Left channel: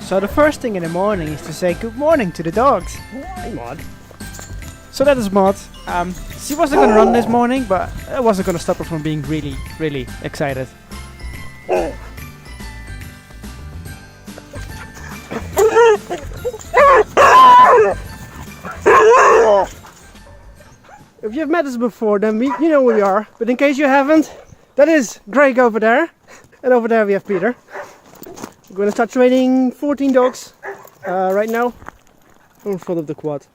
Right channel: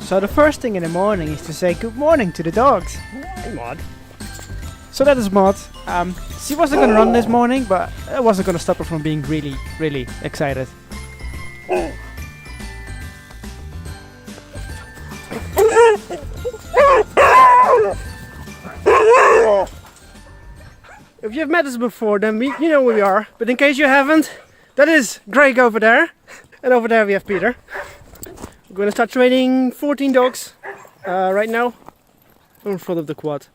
So the first thing in the morning is to say good morning to the dogs. Hey, Maud. So that is Maud. She wasn't gonna run this morning, but it wasn't gonna stop her from being really, really excited. If you've met us before, then you know where we are. But in case you haven't, that is Greg over there. And over there we have Peter. We're going to start training 14 dogs right now in front of the quad.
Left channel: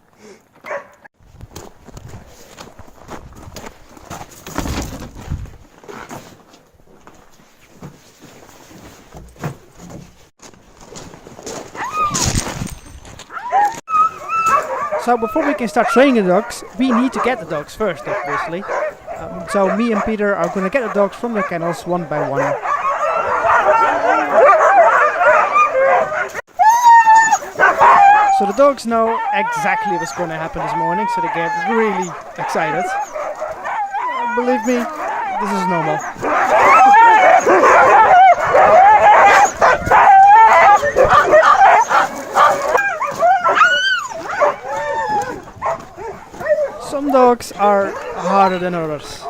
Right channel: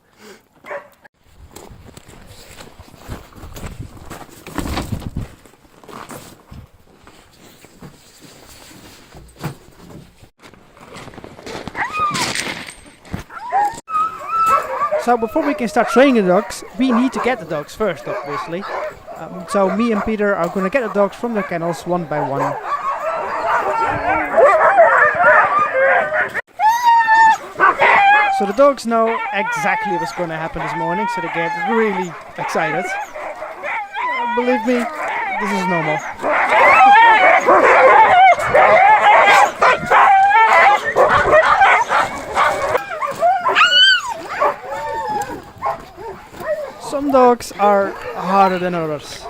So before we can start training the dogs, we need to get the dogs first, obviously. So me and Peter are going to get the dogs from the kennels one by one. So the dogs know exactly what's going to happen this morning, so they get really excited. Believe me, this is normal. Some dogs are harder than others.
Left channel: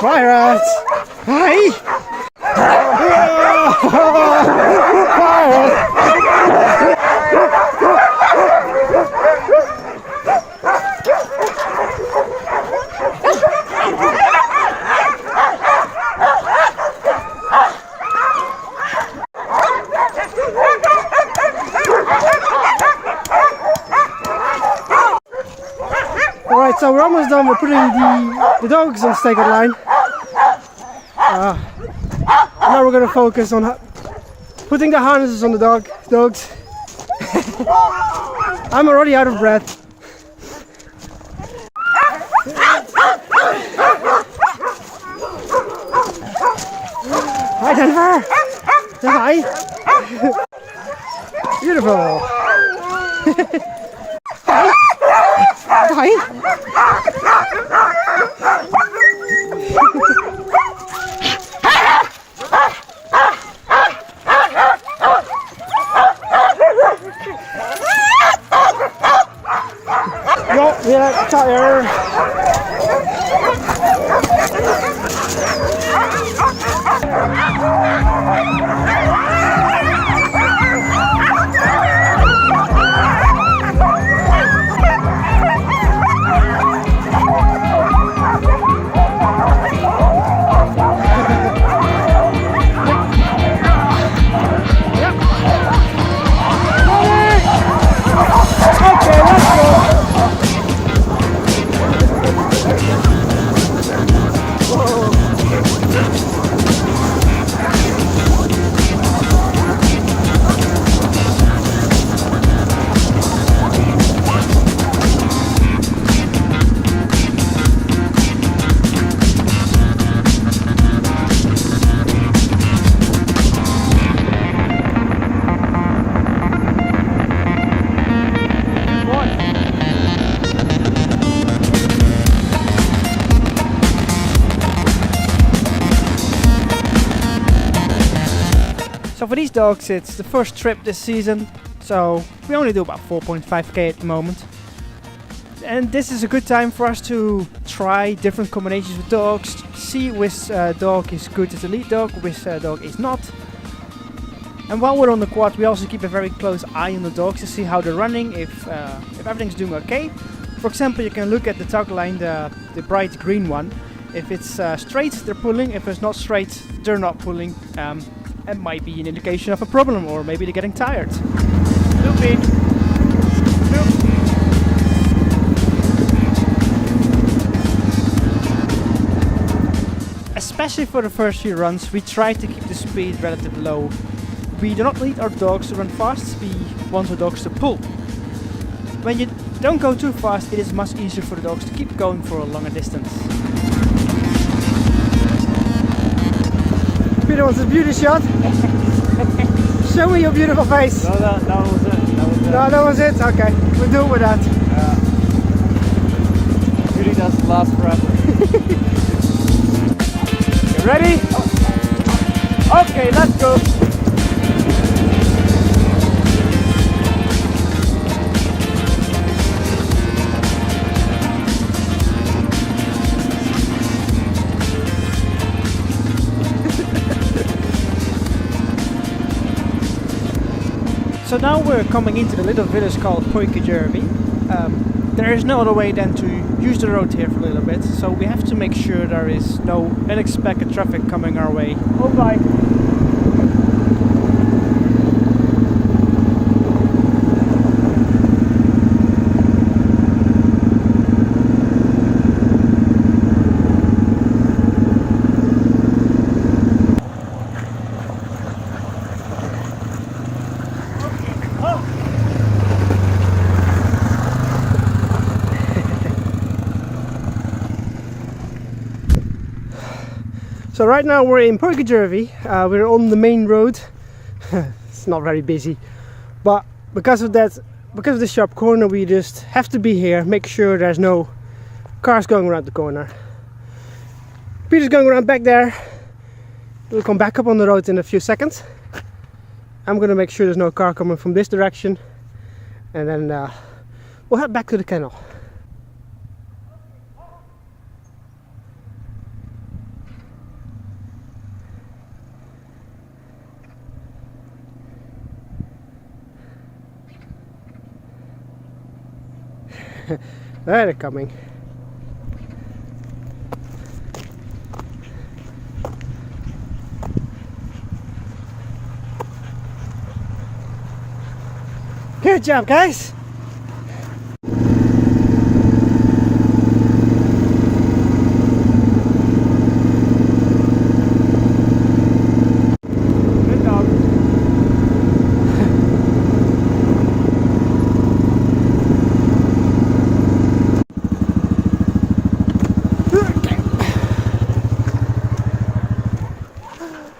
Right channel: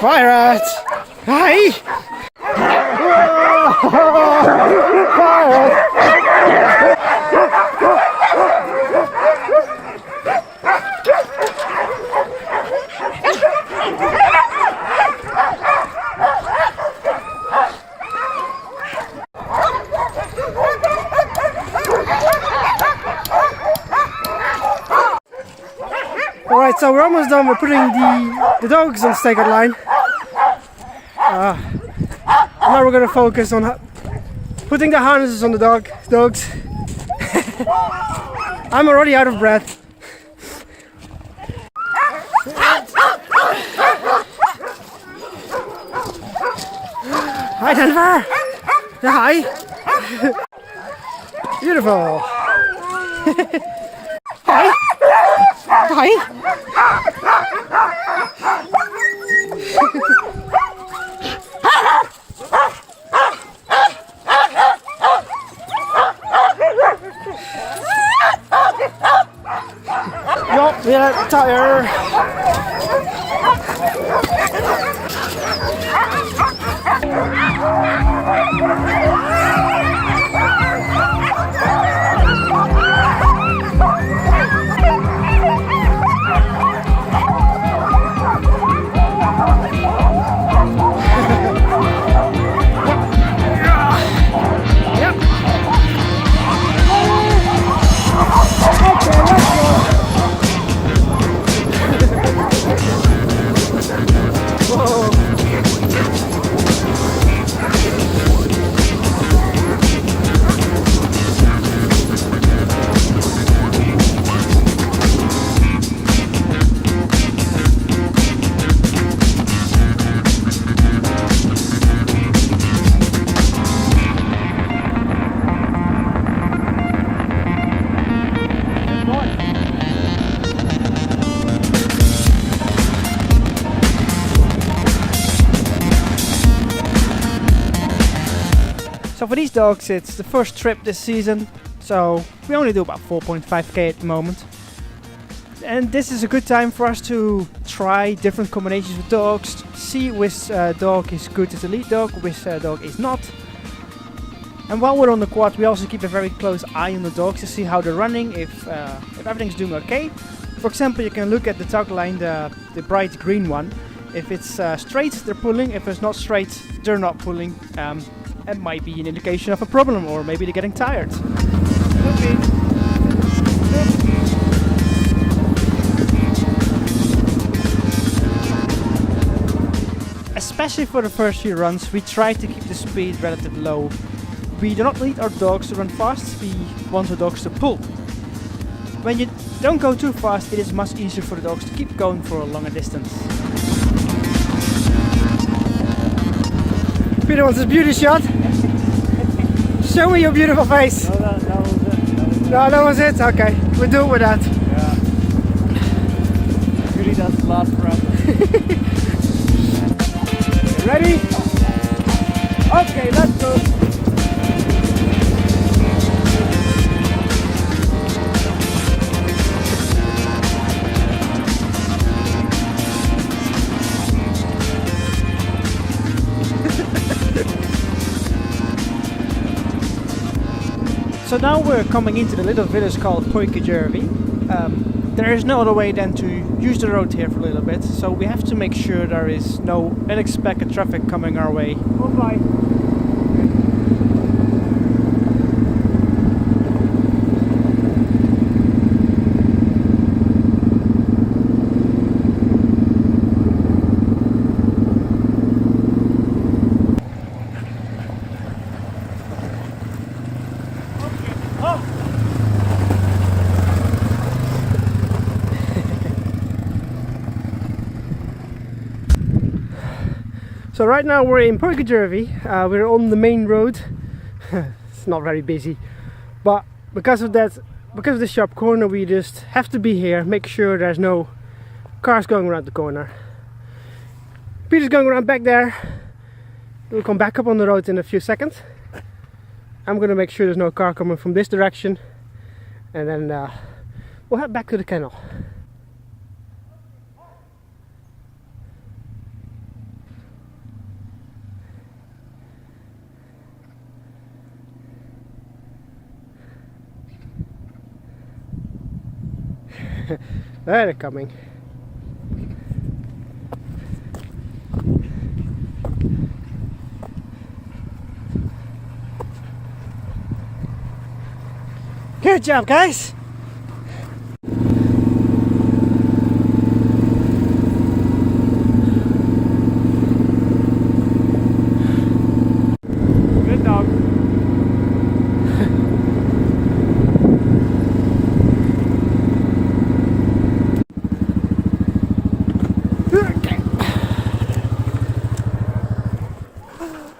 Pirate! Hi! Alright, so we're almost done with putting the dogs on staggered line. Now we're going to focus on putting the harnesses on the dogs. I'm already out of breath. Hi Denver! Say hi! Beautiful! Hi! Hi! Yo, yeah, tire! So for these dogs, it's the first trip this season, so we only do about 4.5k at the moment. And this is a good time for us to try different combinations with dogs, see which dog is good as a lead dog, which dog is not. And while we're on the quad, we also keep a very close eye on the dogs to see how they're running, if everything's doing okay. For example, you can look at the tug line, the bright green one. If it's straight, they're pulling. If it's not straight, they're not pulling. It might be an indication of a problem, or maybe they're getting tired. Okay. Especially for the first few runs, we try to keep the speed relatively low. We do not need our dogs to run fast, we want our dogs to pull. When you don't go too fast, it is much easier for the dogs to keep going for a longer distance. Peter wants a beauty shot. Show me your beautiful face. No, that was it. No, that was it? Okay, we'll do it with that. Yeah. Beauty doesn't last forever. You ready? Okay, let's go. So now we're coming into the little village called Poikajärvi. There is no other way than to use the road here for a little bit, so we have to make sure there is no unexpected traffic coming our way. Oh my. So right now we're in Poikajärvi. We're on the main road. It's not very busy, but because of the sharp corner, we just have to be here, make sure there's no cars going around the corner. Peter's going around back there. We'll come back up on the road in a few seconds. I'm gonna make sure there's no car coming from this direction, and then we'll head back to the kennel. There they're coming. Good job, guys. Good dog.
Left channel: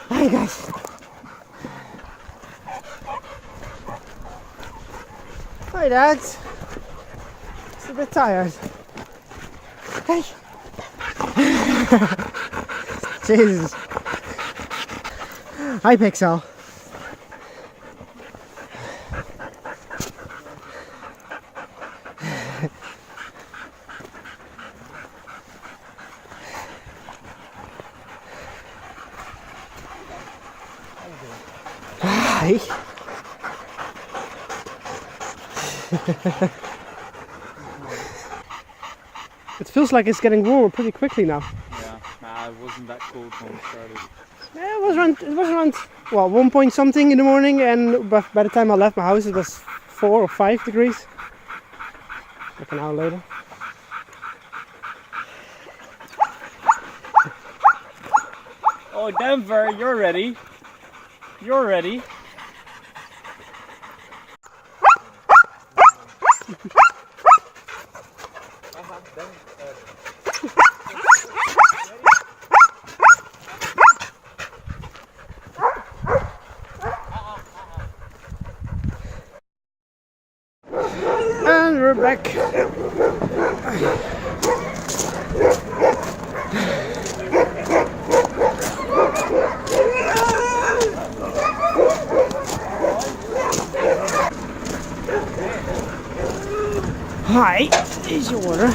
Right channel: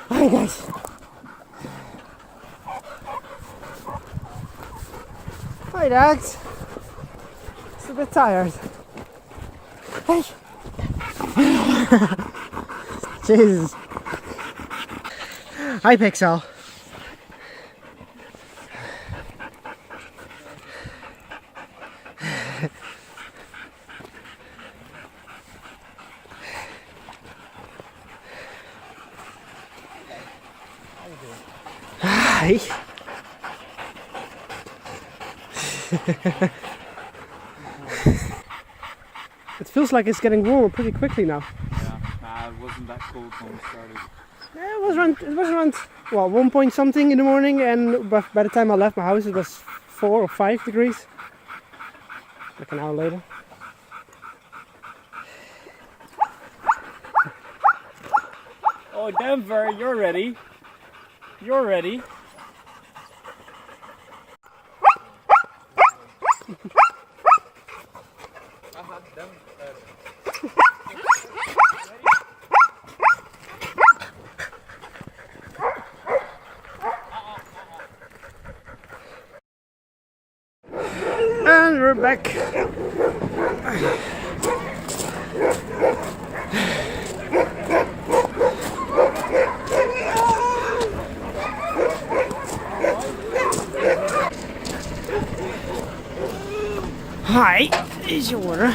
Hi guys. Hi dads. Just a bit tired. Hey. Jesus. Hi Pixel. Hi. It feels like it's getting warmer pretty quickly now. Nah, it wasn't that cold when it started. Yeah, it was around well 1 point something in the morning, and by the time I left my house it was 4 or 5 degrees. Like an hour later. Oh, Denver, you're ready. You're ready. And we're back. Hi, here's your water.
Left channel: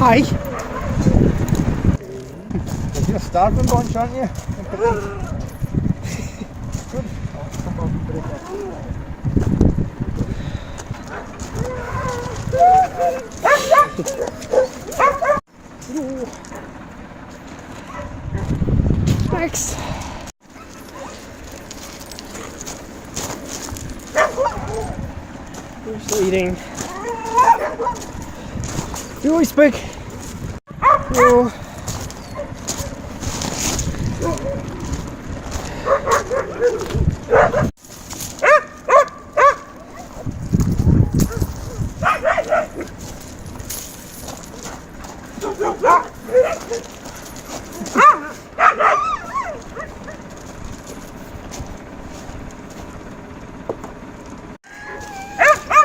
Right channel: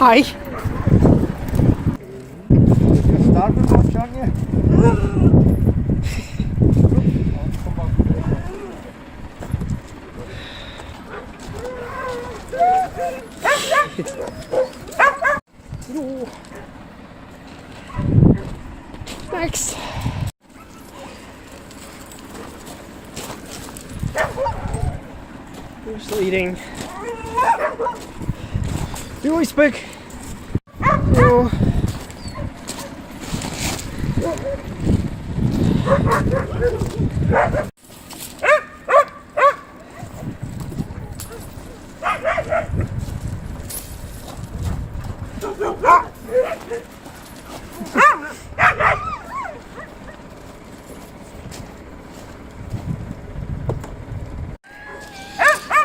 Hi. Starten watch on you. Next. You're still eating. You always put. No.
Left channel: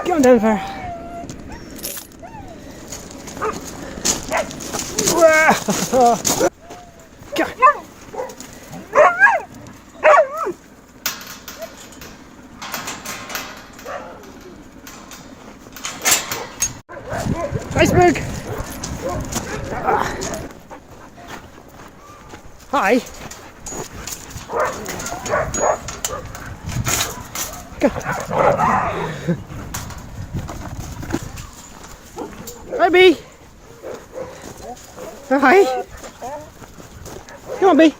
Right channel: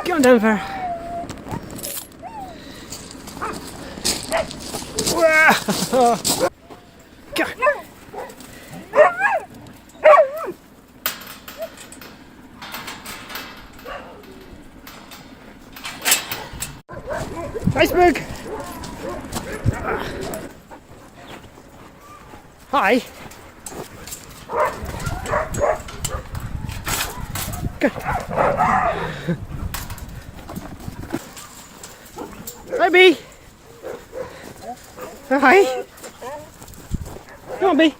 Come on, Denver. iceberg! Hi! Hi, Bee! Hi! Come on, Bee!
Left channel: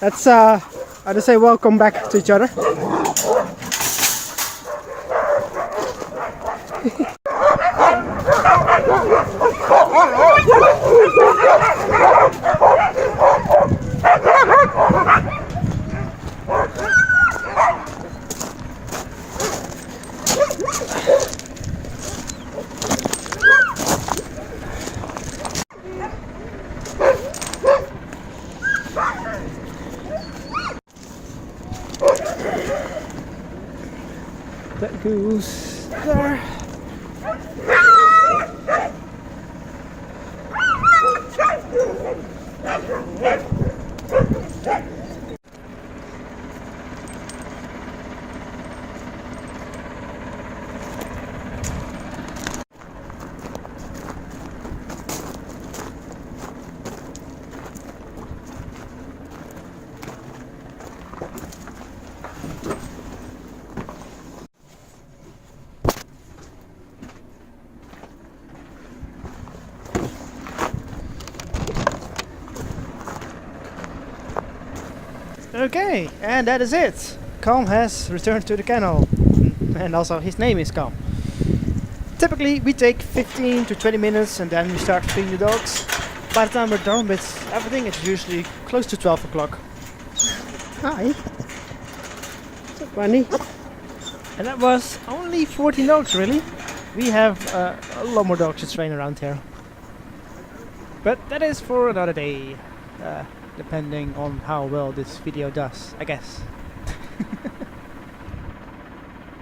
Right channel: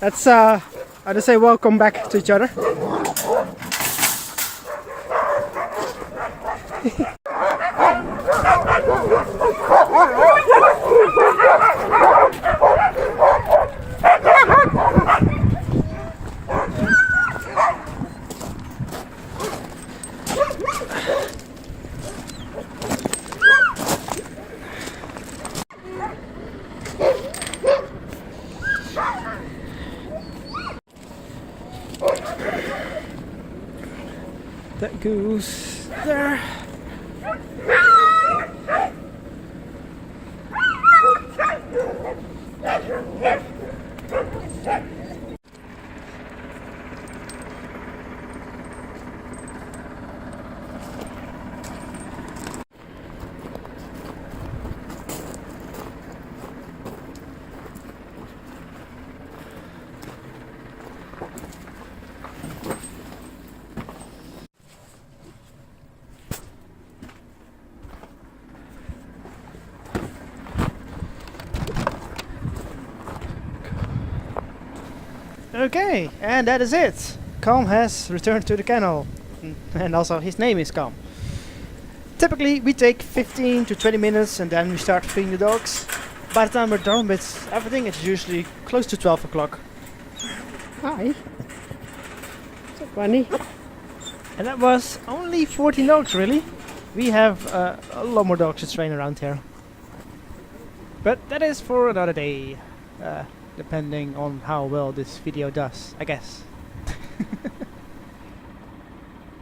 That's I just say welcome back to each other. That goose there. Okay, and that is it. Calm has returned to the kennel, and also his name is Calm. Typically we take 15 to 20 minutes and then we start feeding the dogs. By the time we're done with everything, it's usually close to 12 o'clock. Hi. What's up, Bunny? And that was only 14 dogs, really. We have a lot more dogs to train around here. But that is for another day. Depending on how well this video does, I guess.